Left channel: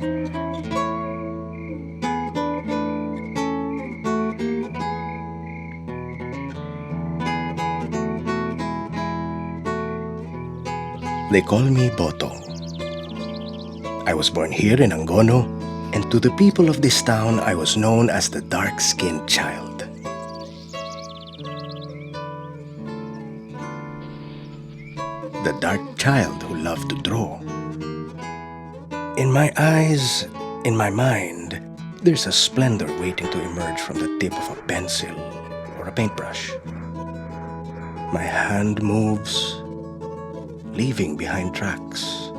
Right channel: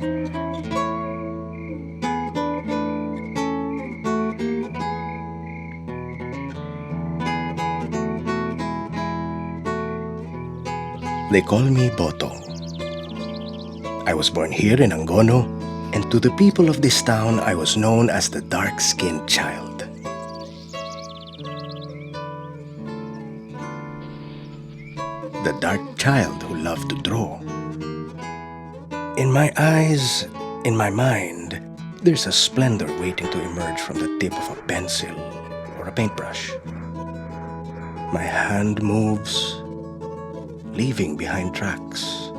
They call me Botong. I was born here in Angono, and to the people of this town, I was known as the dark-skinned child. The dark child who loved to draw. In my eyes, in my mind, there's a splendor waiting to emerge from the tip of a pencil or a paintbrush. My hand moves, leaving behind tracks,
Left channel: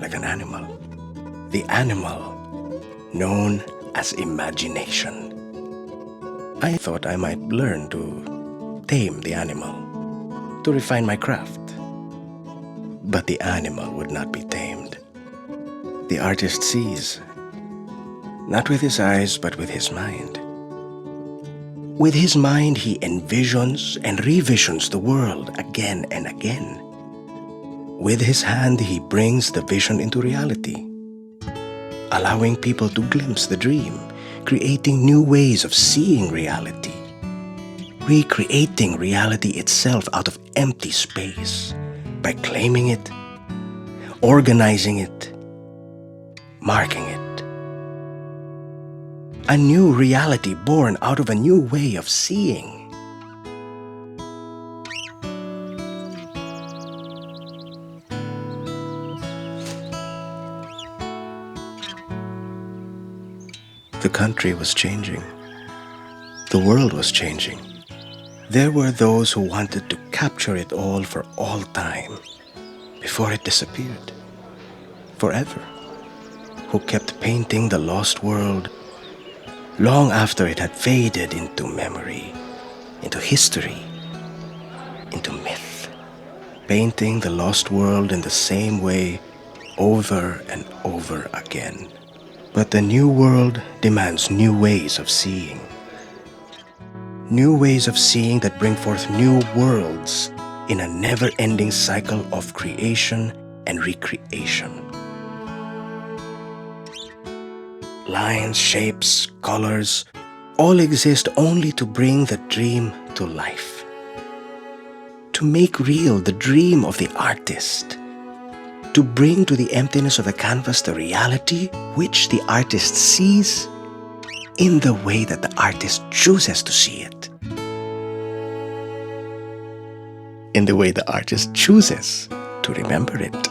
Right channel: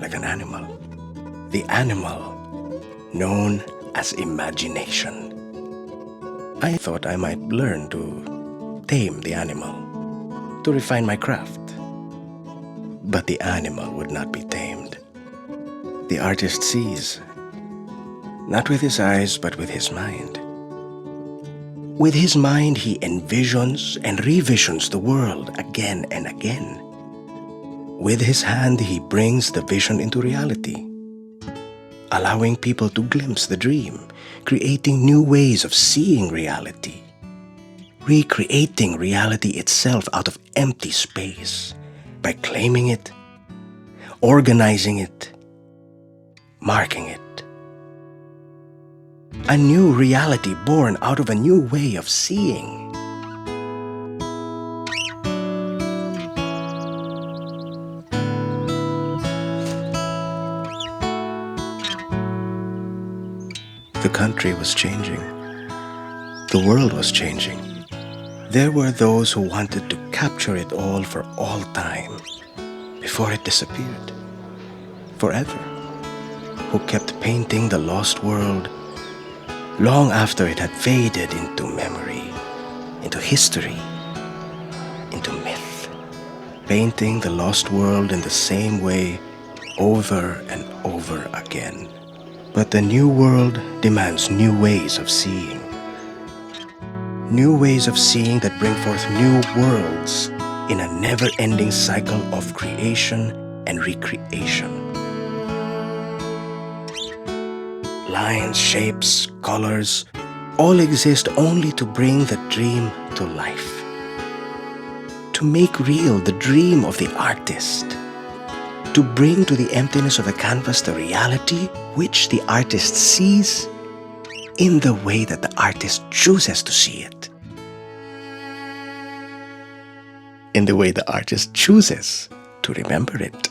like an animal. The animal known as imagination. I thought I might learn to tame the animal, to refine my craft. But the animal would not be tamed. The artist sees, not with his eyes, but with his mind. With his mind, he envisions and revisions the world again and again. With his hand, he brings the vision into reality, allowing people to glimpse the dream, creating new ways of seeing reality, recreating reality itself out of empty space by claiming it, organizing it, marking it. A new reality born out of a new way of seeing. The country was changing. The world was changing. There were those who wanted to capture it all for all time, before it disappeared, forever, who kept painting the lost world long after it had faded into memory, into history, into myth, painting the lost world in the same way over and over again. But the new world demands new ways of seeing. New ways of seeing that bring forth new worlds in a never-ending cycle of creation and recreation. Lines, shapes, colors, all exist only to bring the dream to life. To make real the dream of the artist. To bring to the emptiness of the canvas the reality which the artist sees in the way that the artist chooses to see it. In the way the artist chooses to remember it.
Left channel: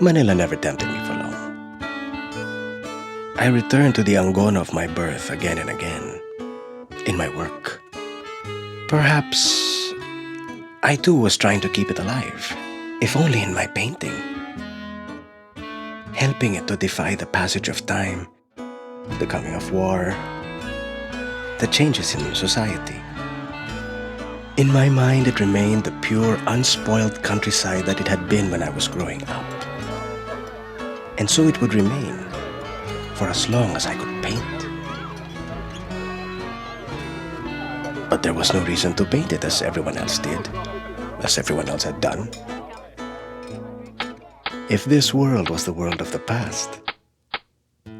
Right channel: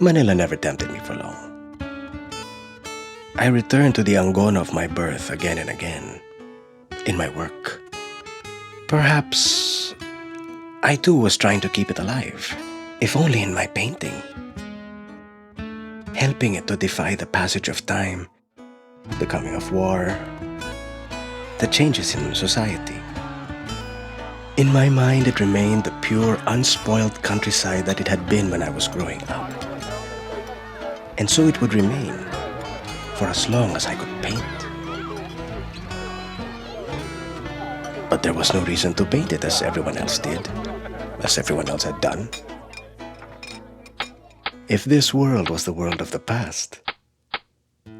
Manila never tempted me for long. I returned to the Angono of my birth again and again, in my work. Perhaps I too was trying to keep it alive, if only in my painting, helping it to defy the passage of time, the coming of war, the changes in society. In my mind, it remained the pure, unspoiled countryside that it had been when I was growing up. And so it would remain for as long as I could paint. But there was no reason to paint it as everyone else did, as everyone else had done. If this world was the world of the past,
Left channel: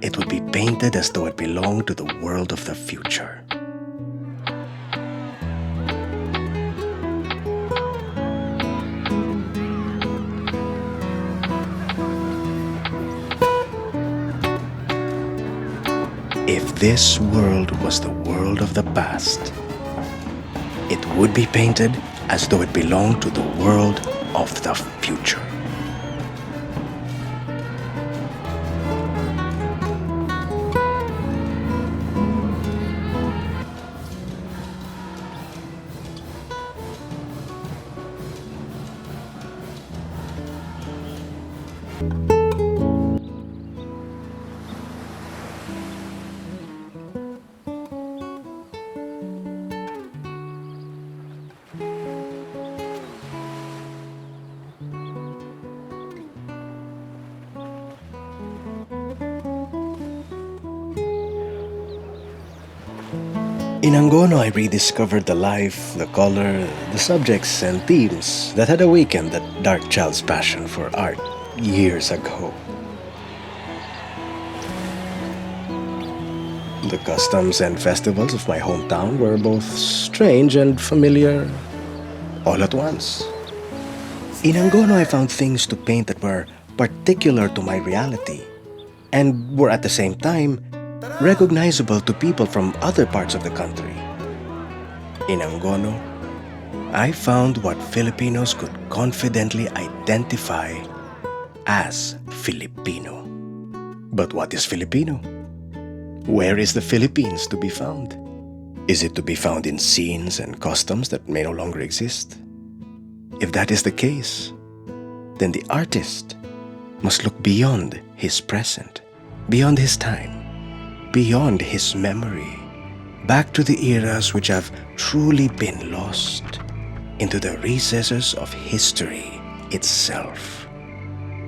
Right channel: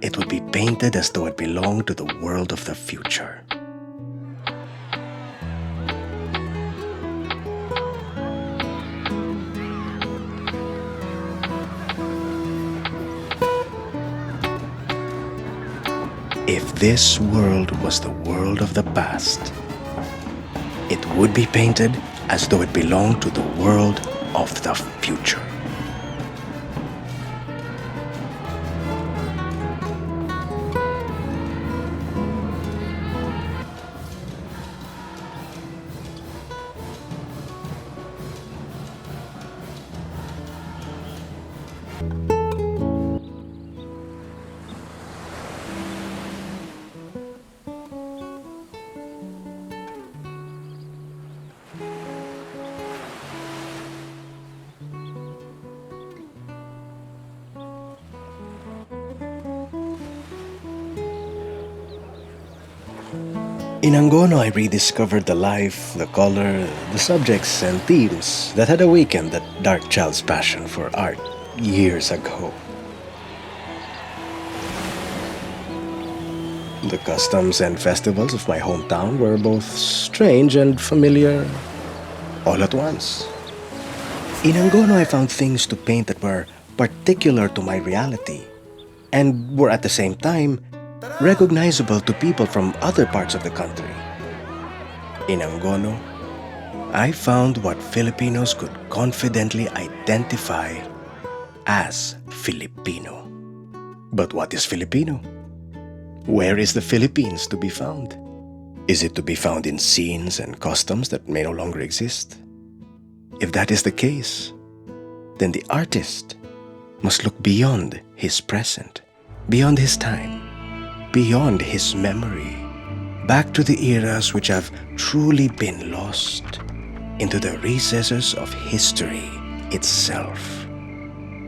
it would be painted as though it belonged to the world of the future. If this world was the world of the past, it would be painted as though it belonged to the world of the future. In Angono, I rediscovered the life, the color, the subjects and themes that had awakened that dark child's passion for art years ago. The customs and festivals of my hometown were both strange and familiar all at once. In Angono, I found things to paint that were particular to my reality and were at the same time recognizable to people from other parts of the country. In Angono, I found what Filipinos could confidently identify as Filipino. But what is Filipino? Where is the Philippines to be found? Is it to be found in scenes and customs that may no longer exist? If that is the case, then the artist must look beyond his present, beyond his time, beyond his memory, back to the eras which have truly been lost, into the recesses of history itself.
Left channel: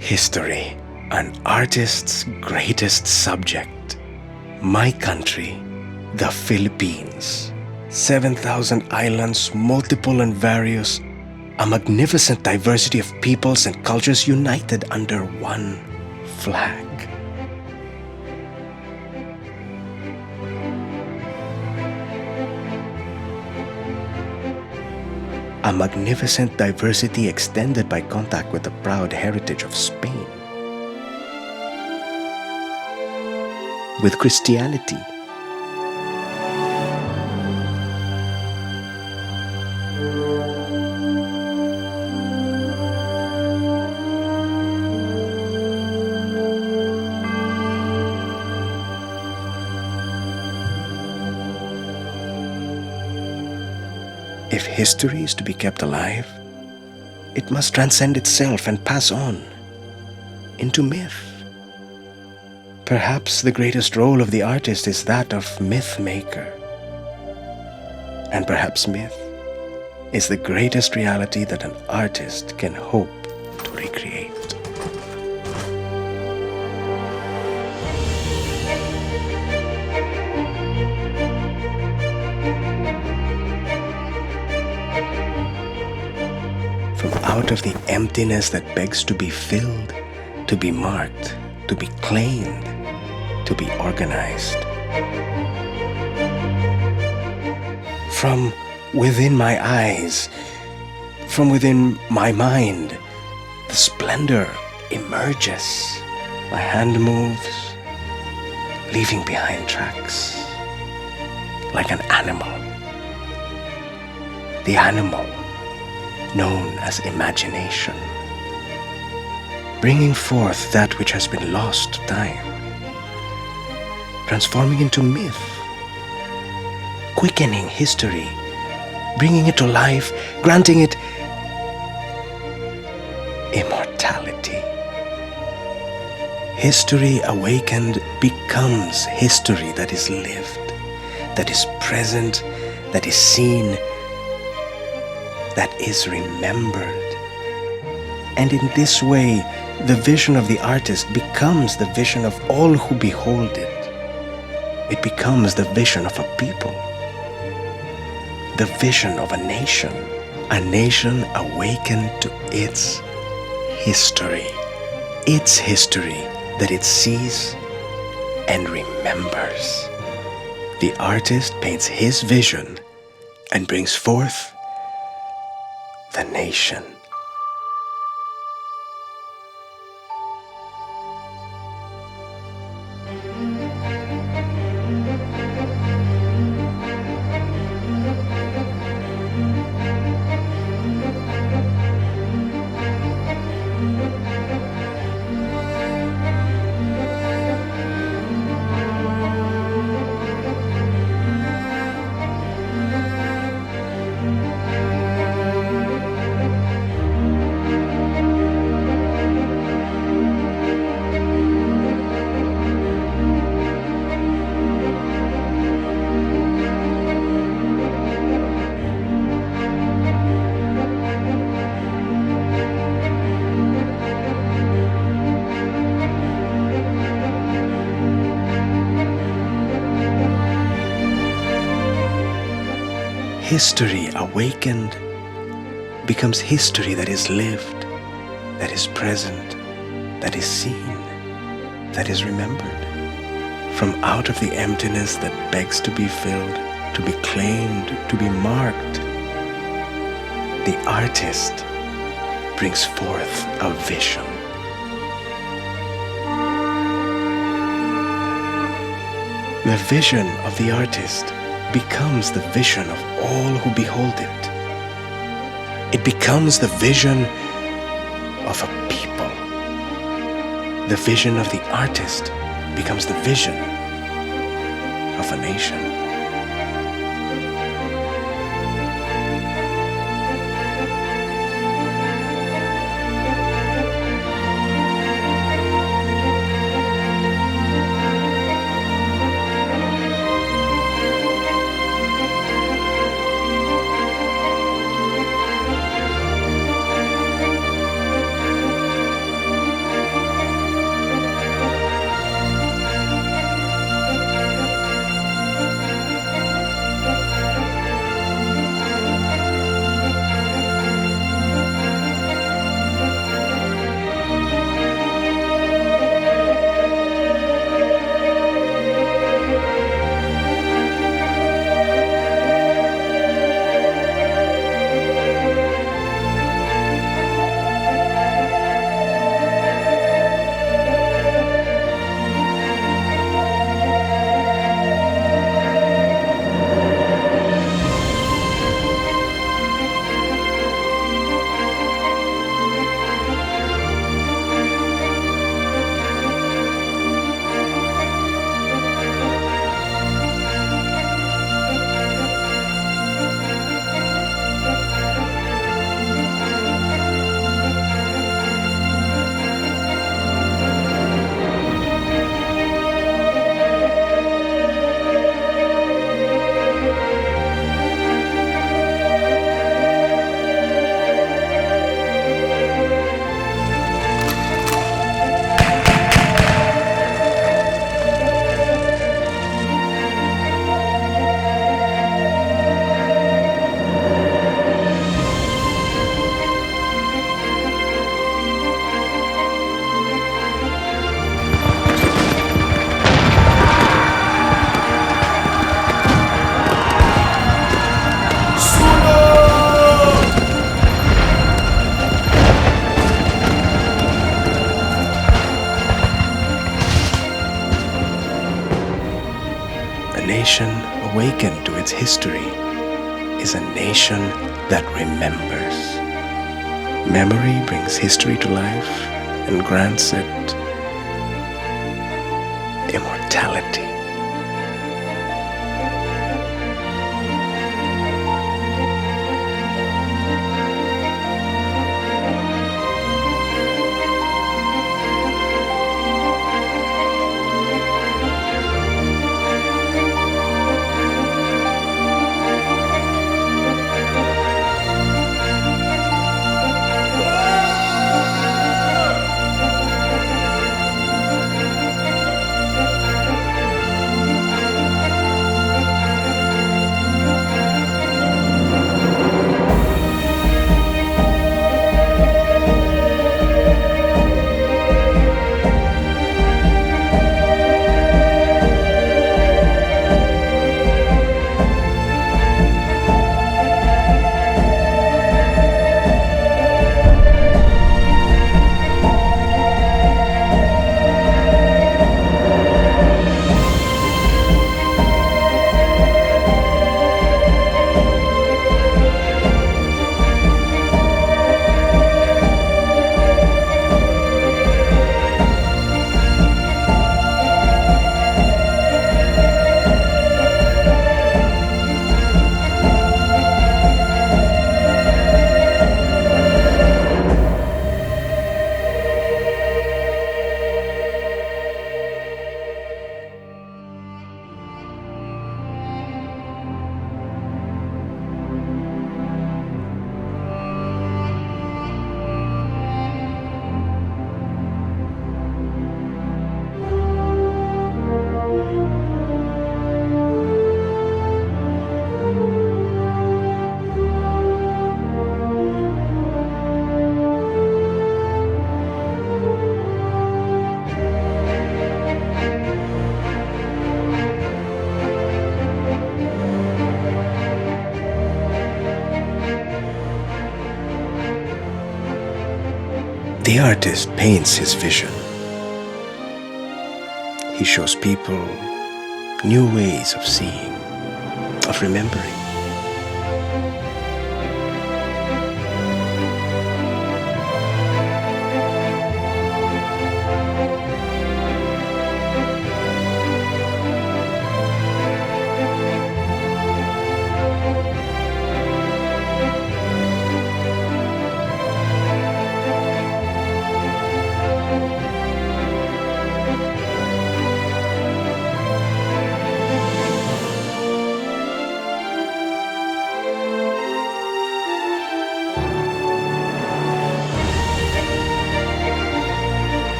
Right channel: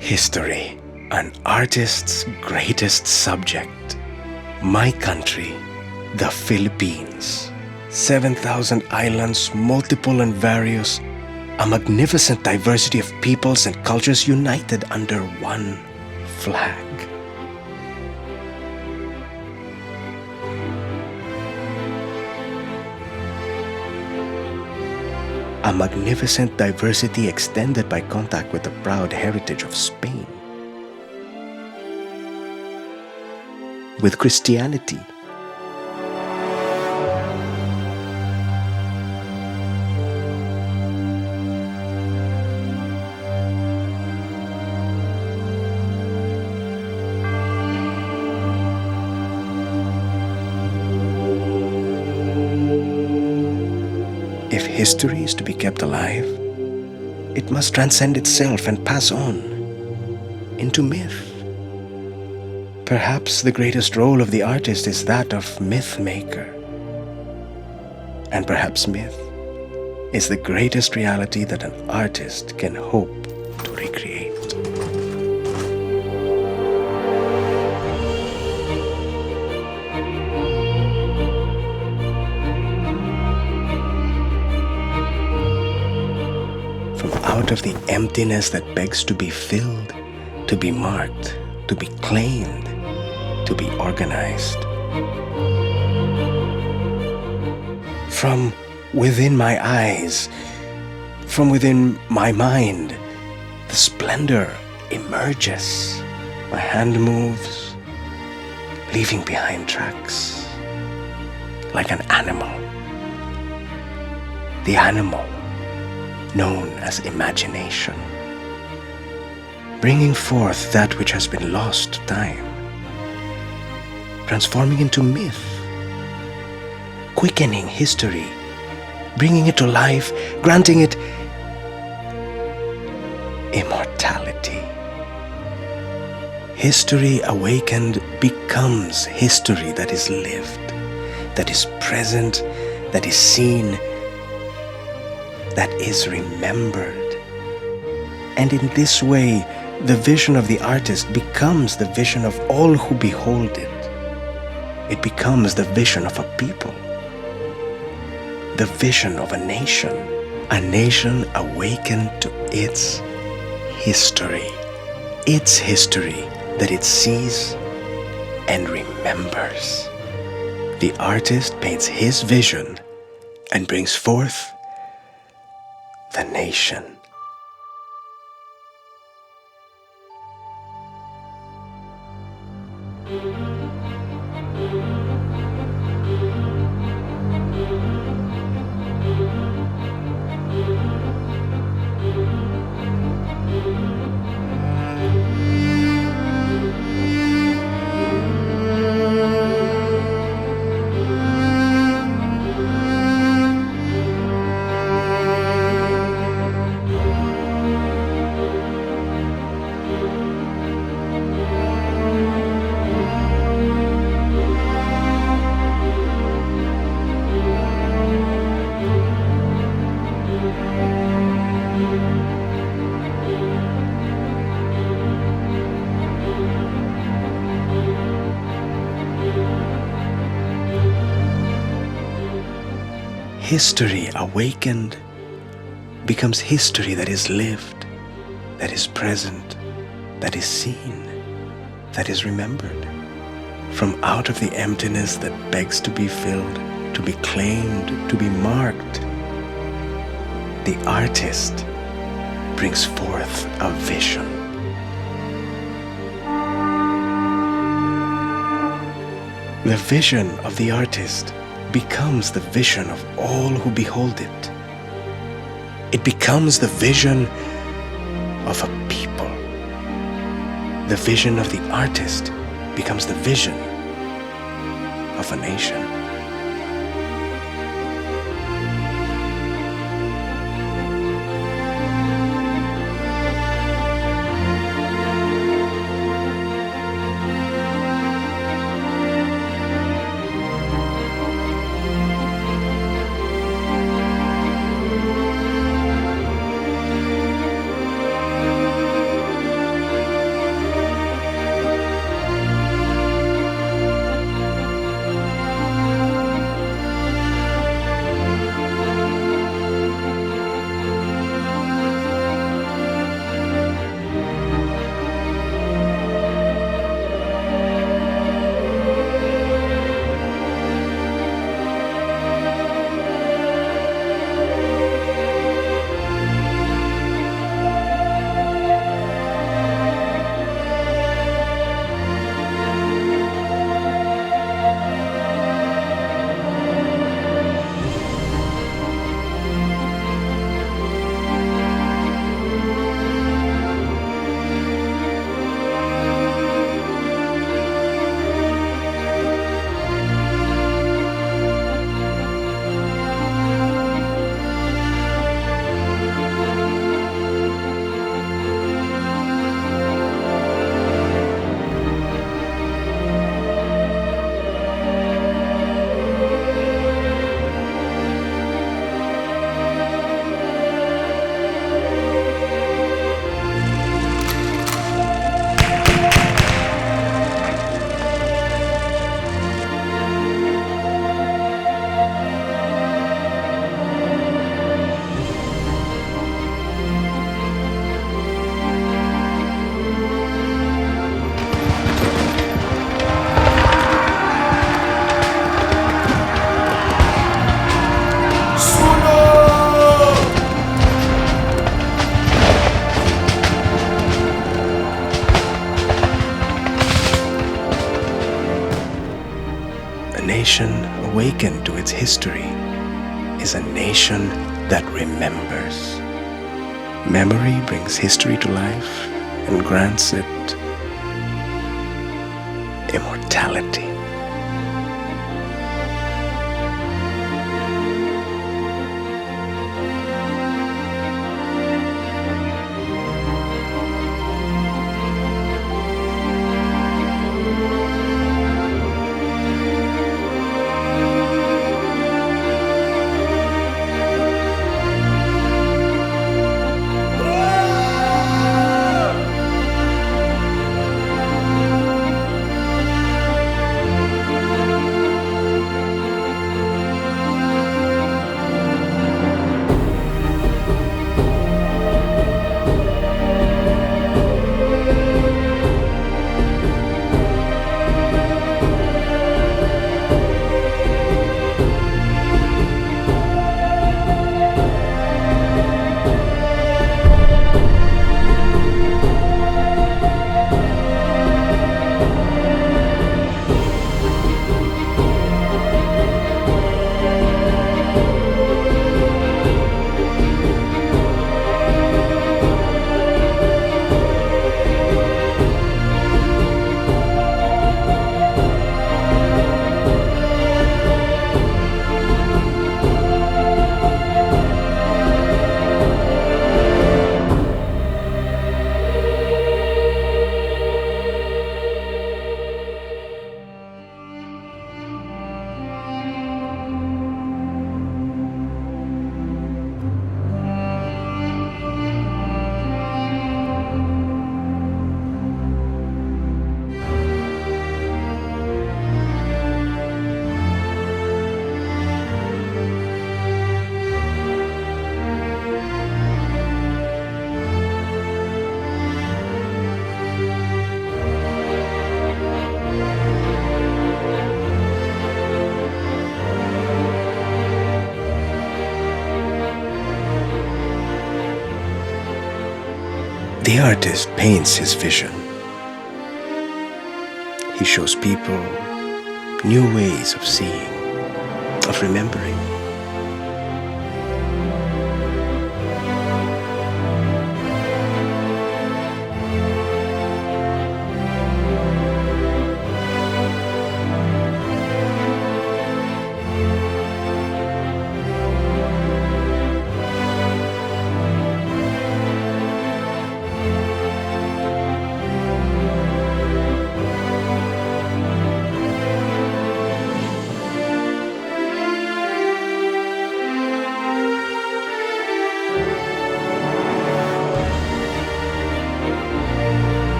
History, an artist's greatest subject. My country, the Philippines. 7,000 islands, multiple and various, a magnificent diversity of peoples and cultures united under one flag. A magnificent diversity extended by contact with the proud heritage of Spain. With Christianity. If history is to be kept alive, it must transcend itself and pass on into myth. Perhaps the greatest role of the artist is that of myth maker. And perhaps myth is the greatest reality that an artist can hope to recreate. From out of the emptiness that begs to be filled, to be marked, to be claimed, to be organized. From within my eyes, from within my mind, the splendor emerges. My hand moves, leaving behind tracks, like an animal. The animal known as imagination, bringing forth that which has been lost to time, transforming into myth, quickening history, bringing it to life, granting it immortality. History awakened becomes history that is lived, that is present, that is seen, that is remembered. And in this way, the vision of the artist becomes the vision of all who behold it. It becomes the vision of a people, the vision of a nation awakened to its history that it sees and remembers. The artist paints his vision and brings forth the nation. History awakened becomes history that is lived, that is present, that is seen, that is remembered. From out of the emptiness that begs to be filled, to be claimed, to be marked, the artist brings forth a vision. The vision of the artist becomes the vision of all who behold it. It becomes the vision of a people. The vision of the artist becomes the vision of a nation. A nation awakened to its history is a nation that remembers. Memory brings history to life and grants it immortality. The artist paints his vision. He shows people new ways of seeing, of remembering.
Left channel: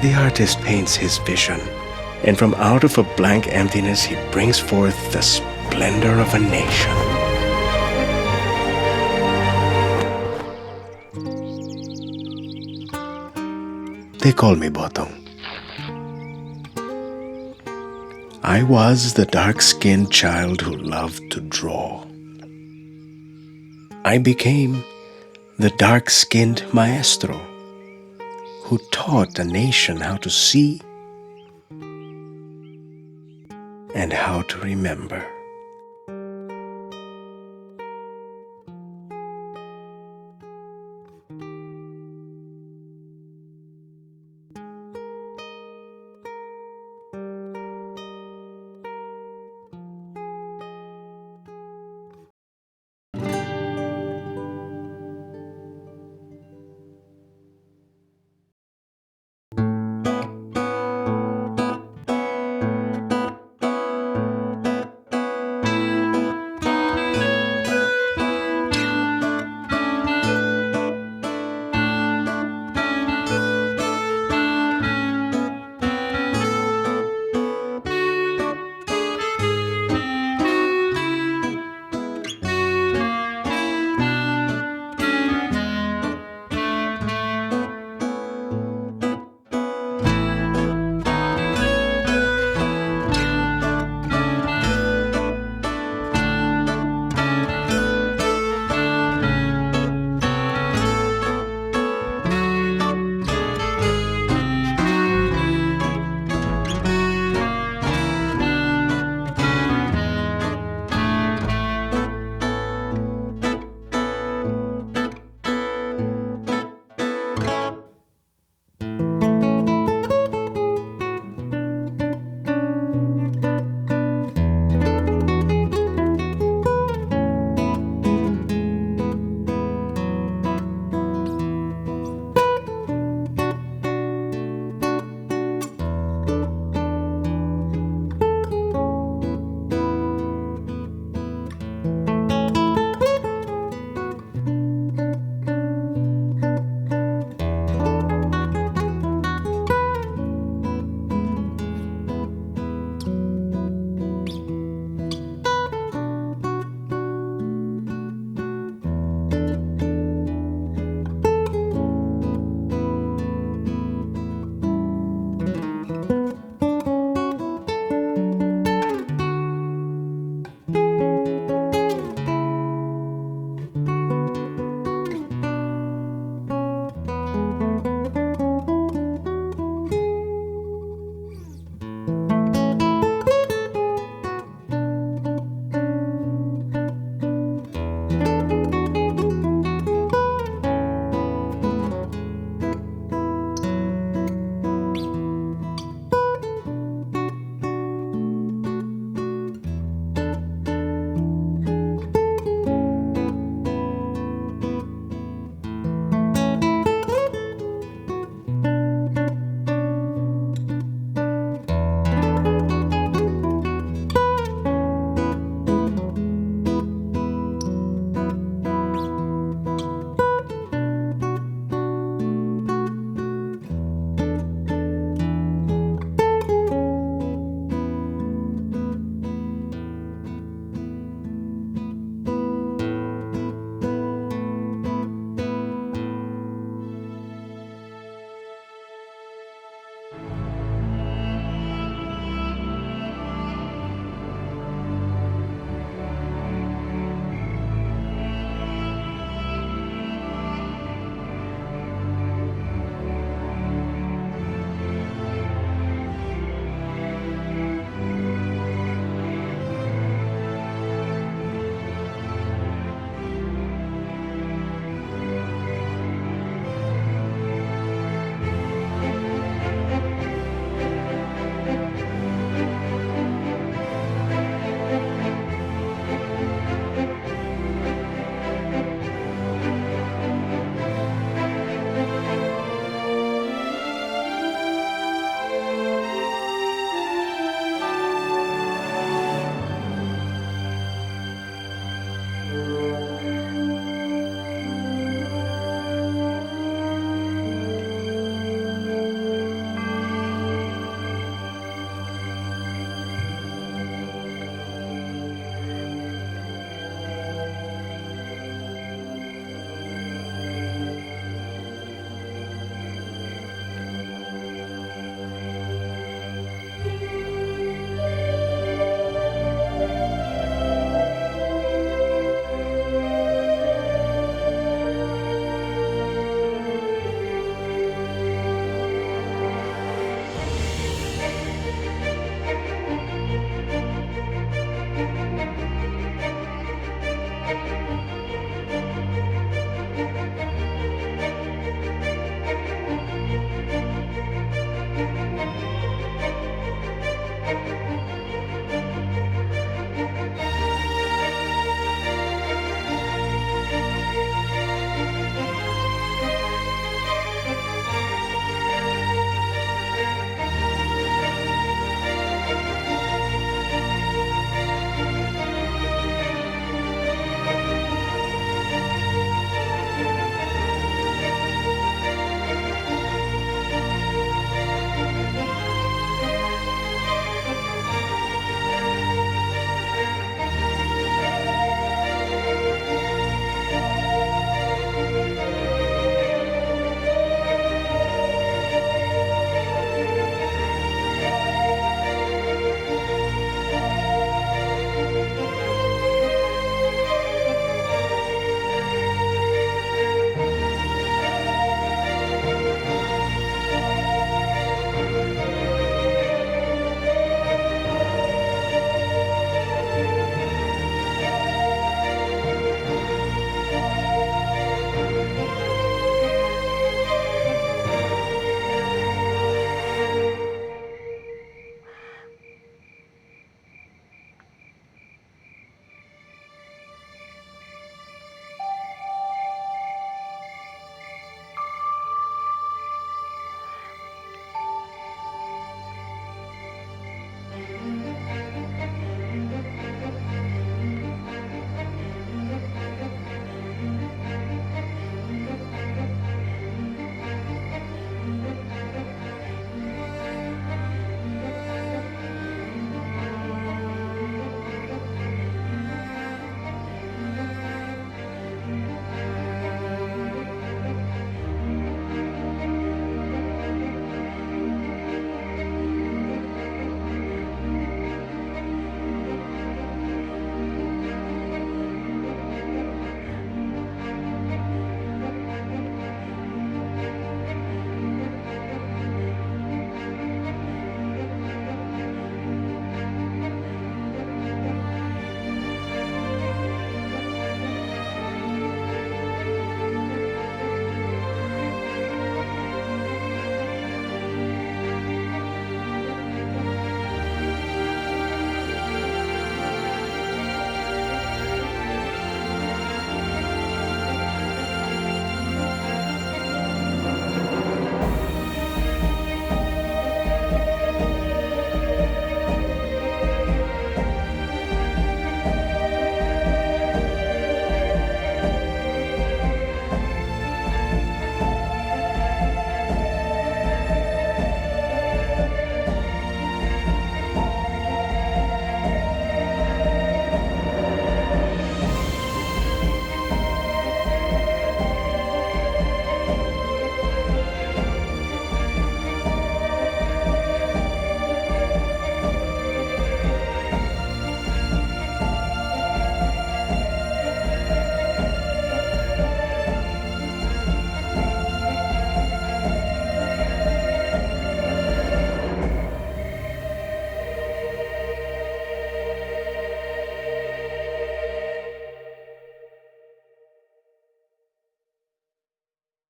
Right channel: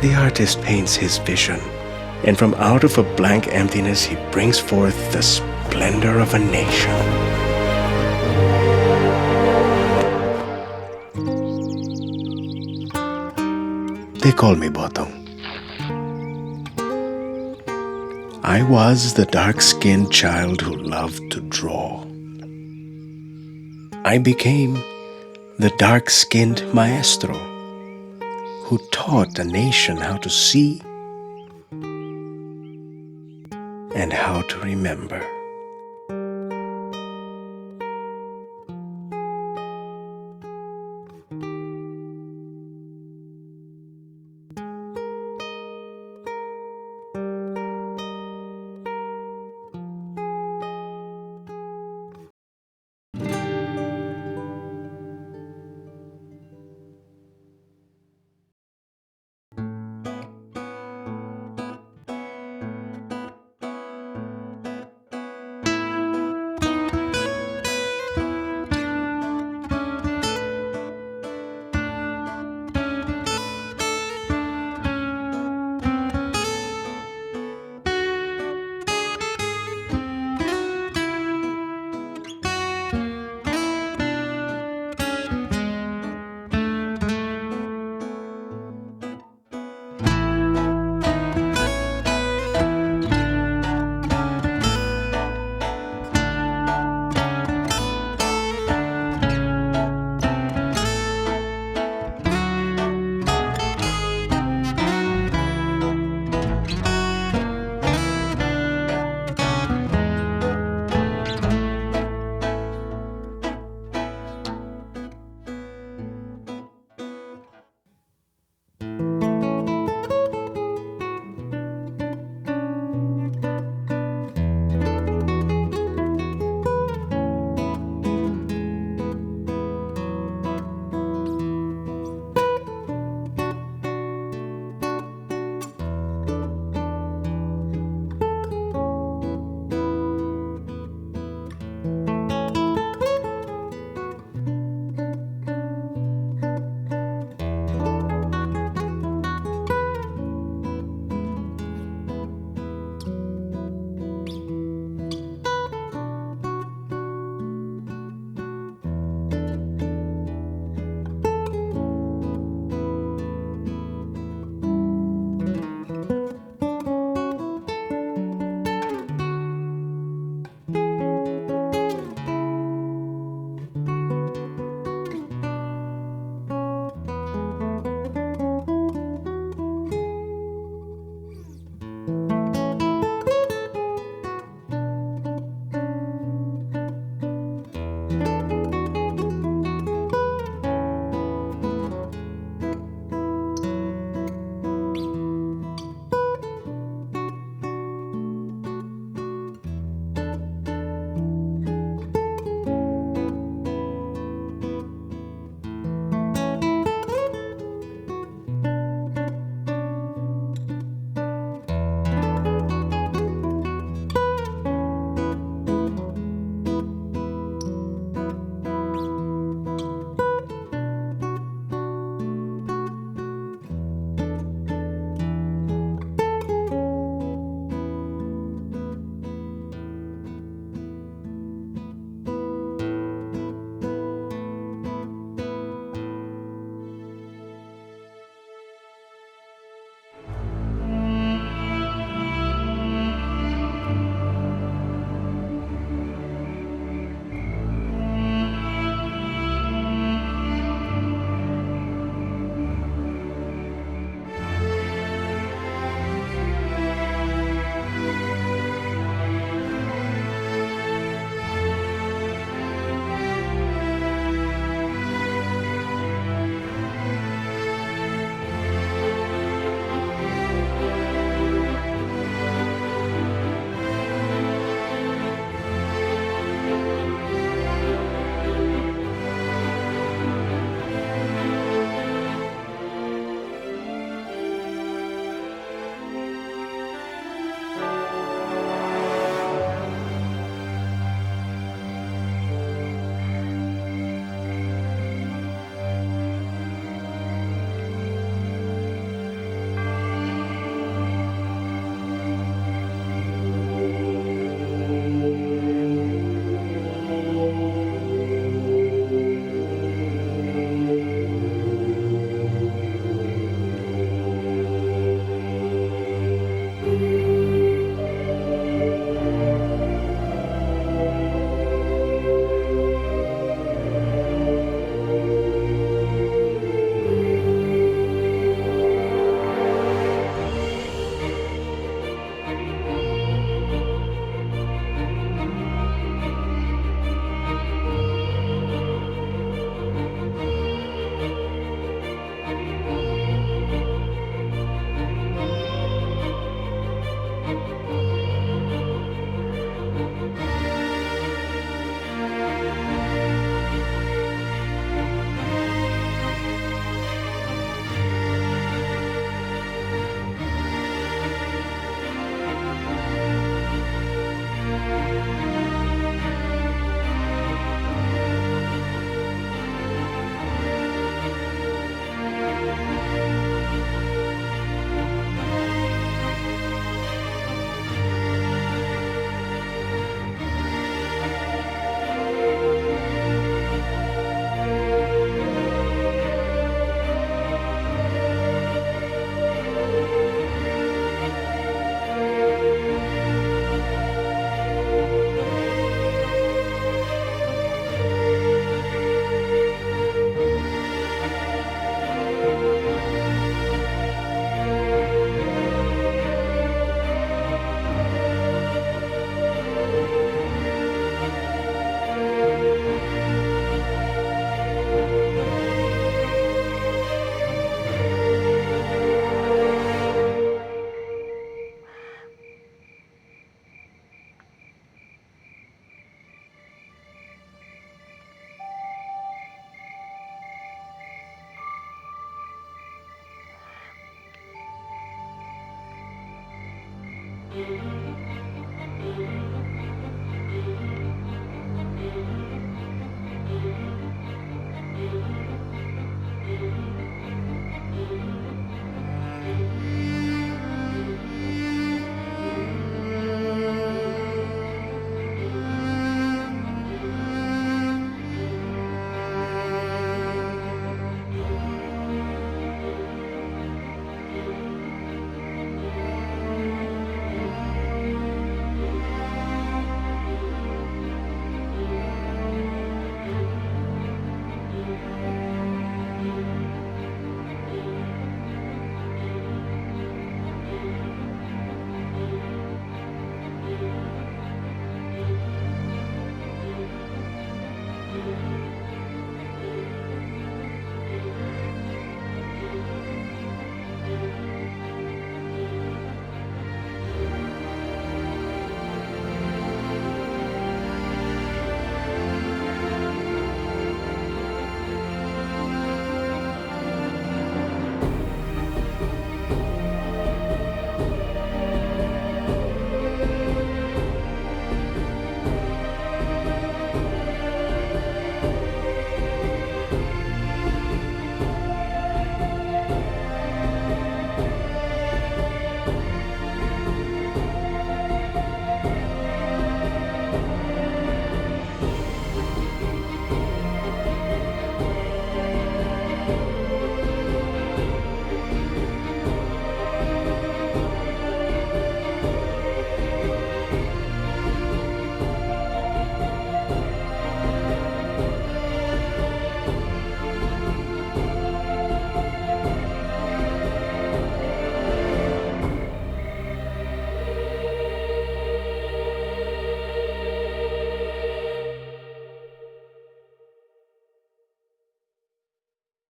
The artist paints his vision, and from out of a blank emptiness he brings forth the splendor of a nation. They call me Botong. I was the dark-skinned child who loved to draw. I became the dark-skinned maestro who taught a nation how to see and how to remember.